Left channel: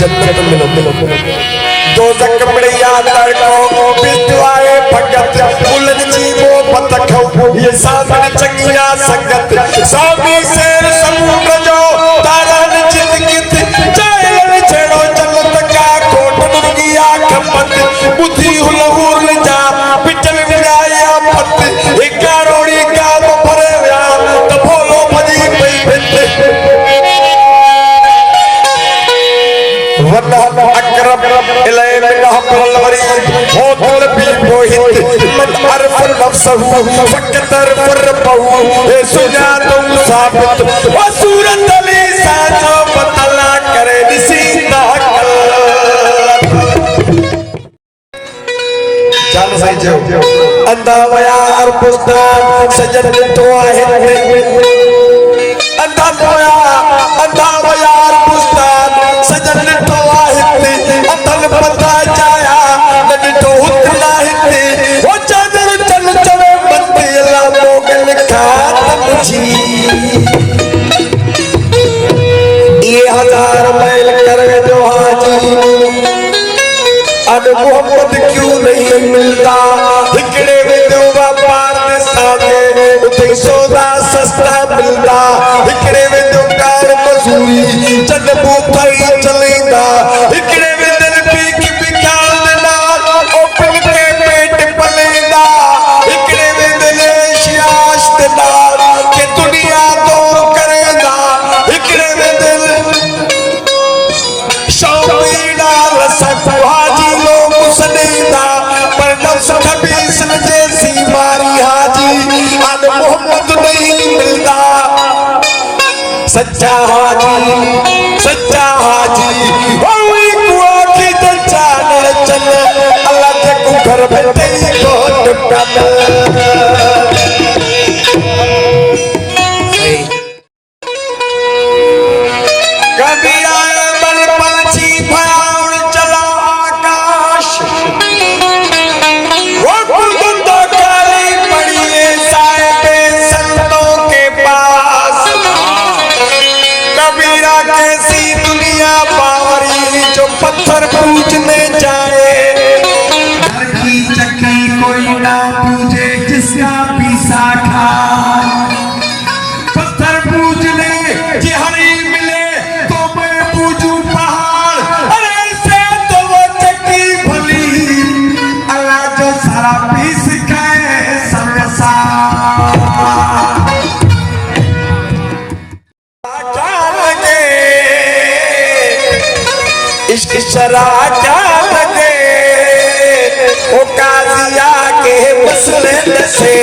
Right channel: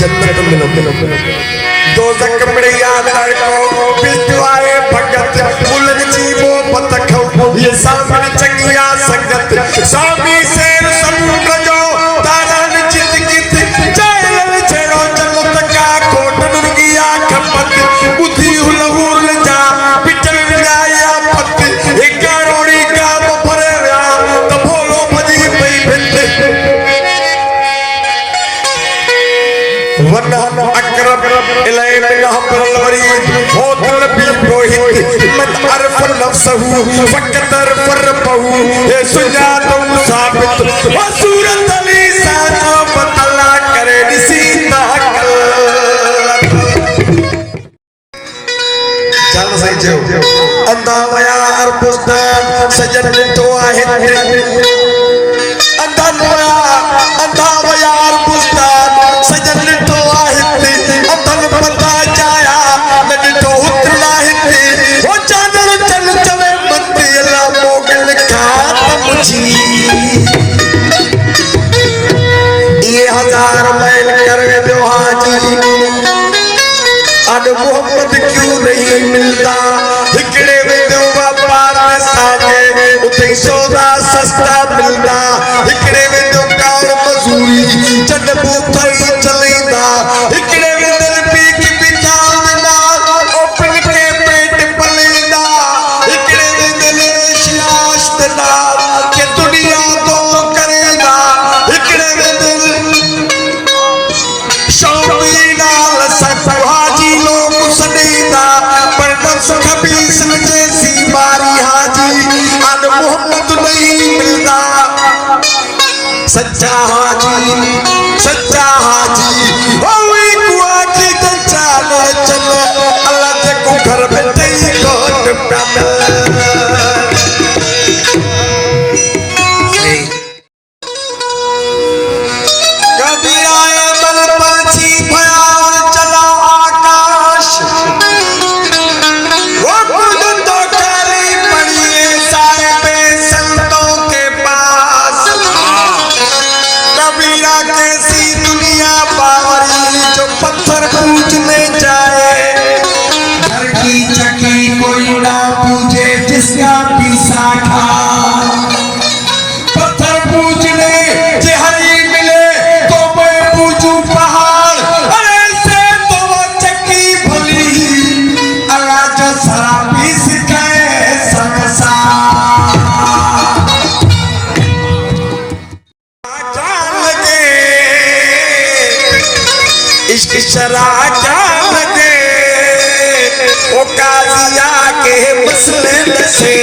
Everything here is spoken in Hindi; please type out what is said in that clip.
जन्नत मिलो दो जक में याद लड़को बिस्वाए भगत उलझ जीवो पतखो ये सामने चंगिया संगत सामने शेर समूह जो तारा निचित गित जैल छेड़ो जन्नत का कोटन गिया खपत बुद्धि हुलहुल जा पिटल लगाया पत एक कारोड़ी काम भरे तो बोलो भजी पई भिंड वन्ना अकरब इलय मिलह परलवरी होतल बिरोहित मत अरफ नफ्सहु फकदर फरपहु ए सुजा तुम साबित वसूरत अली साजो बतला करे निसीता कल जान सही जो अंधा वयार पुस्तान सजन तो आहे अंधा वयार पुस्तान सजन ये हजार मैल कर दो हाजी अब मोहम्मद क्यों नहीं मिलता इकड़े में दो व्यापार में सागे उठे सौदा सस्ता मिलता इकड़े में दो कार मजूरी चंद भूखाई चलेगा इकड़े में दिल पी की बिकार देना ओपन के पेट पलेगा इकड़े में दिल शियाश देना के दुनिया को करेगा इकड़े में दिल शौकीना लसक हाजी लोग सनेगा पर नफ्स खबीस जैसी मारी हाजी अन मोहम्मद नहीं मिलता सच्चा हाजी ओई कुआ की तो चाले चले अल्लाह के को घर बैठे ही कोट पे शरा क्या लगे ओ काजिया के मसले से